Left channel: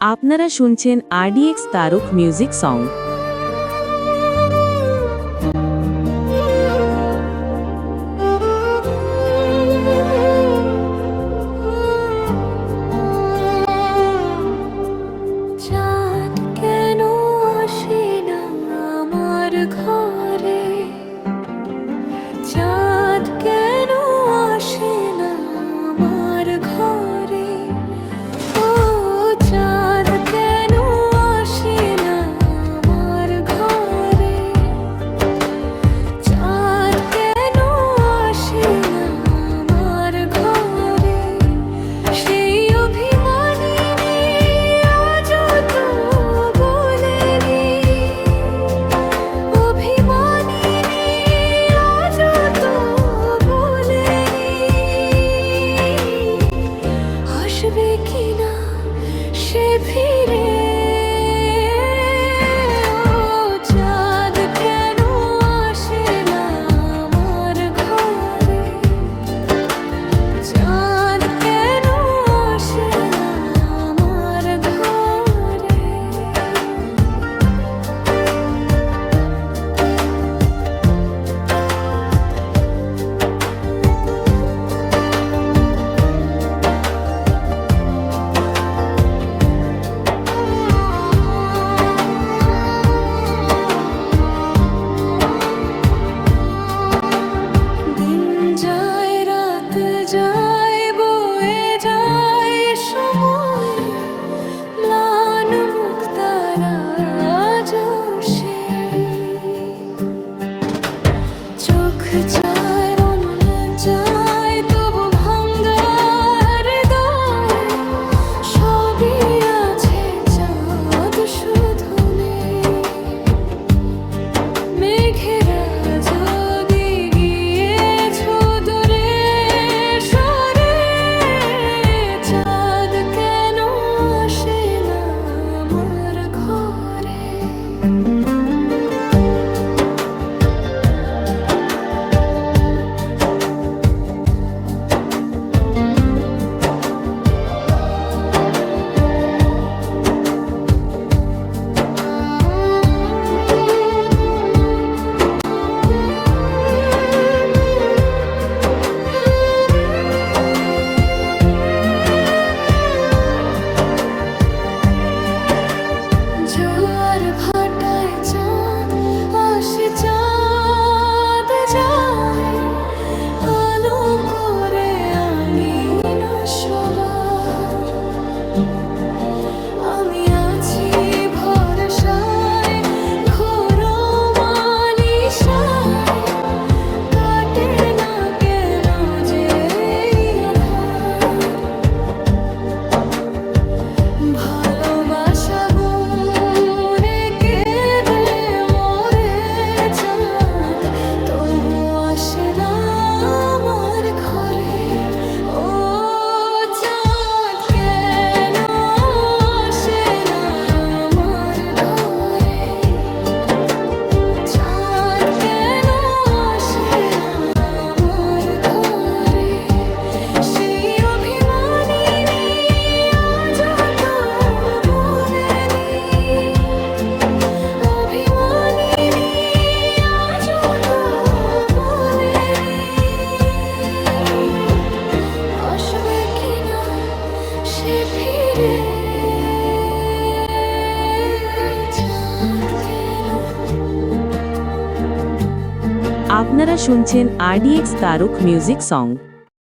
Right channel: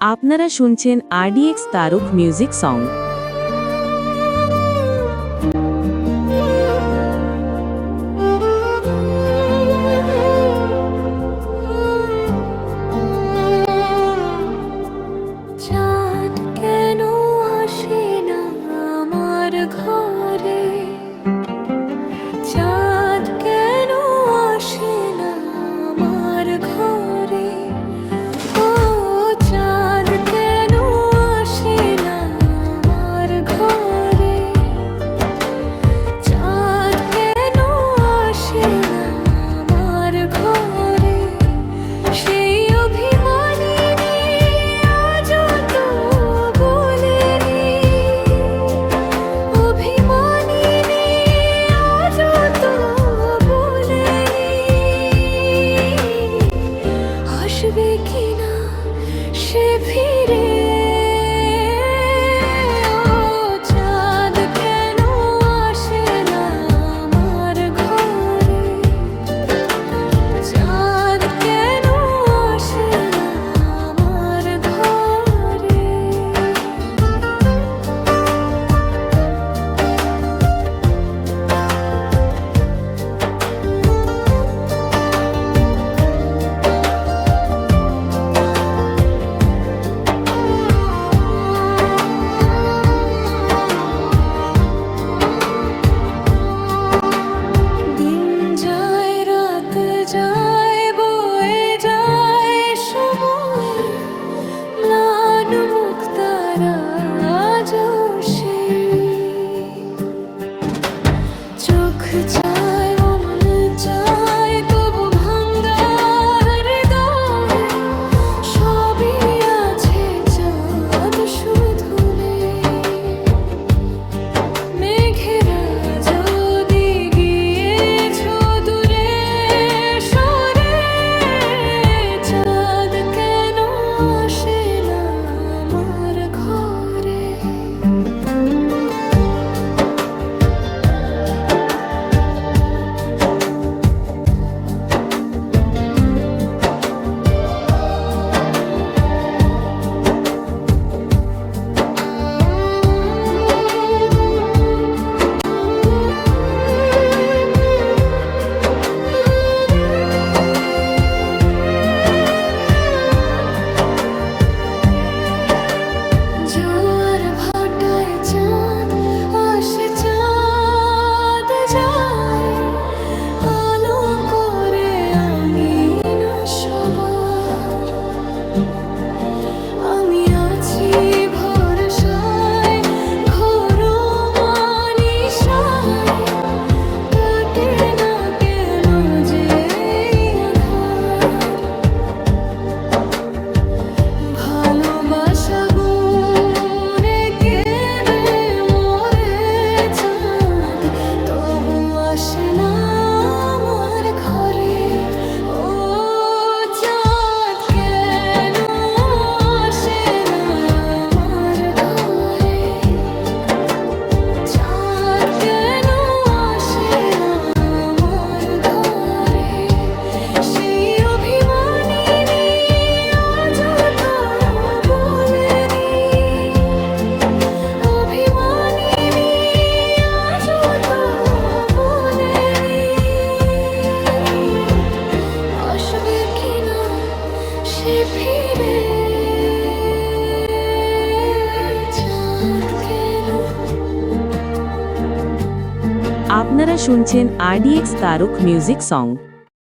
আপনারা শুনছেন RDX Tarak music song. চাঁদ কেন আসে না আমার ঘরে, চাঁদ কেন আসে না আমার ঘরে, ও চাঁদ কেন আসে না আমার ঘরে, চাঁদ কেন আসে না আমার ঘরে, সেই অভিমানী আজও তো বলেনি, অভিমানী আজও তো বলেনি, আসবে কিনা সে ফিরে, ও চাঁদ কেন আসে না আমার ঘরে, চাঁদ কেন আসে না আমার ঘরে। দিন যায় রাত যায় বয়ে যায় সময়, ম্লান মুখ তারা আজও সেই, চোখ চায় মন চায় তবু ভাঙ্গা হৃদয়, সবই আছে চাঁদ শুধু নেই, মেঘেরা যদি গিয়েছ দূরে সরে, চাঁদ কেন আসে না আমার ঘরে। জোয়ার ভাটায় চাঁদ আসে চাঁদ যায়, আলো করে আঙ্গিনা সবার, আমি আছি ভরসায় ঘোর মানিসায়, কাটে না কেন যে এই আধার, ভালোবাসা গুণে কেঁদে মরে চাঁদ, তবু আসে না আমার ঘরে, ও চাঁদ কেন আসে না আমার ঘরে, চাঁদ কেন আসে না আমার ঘরে, সেই অভিমানী আজও তো বলেনি, অভিমানী আজও তো বলেনি, আসবে কিনা সে ফিরে, চাঁদ কেন। আপনারা শুনছেন RDX তারক মিউজিক সং।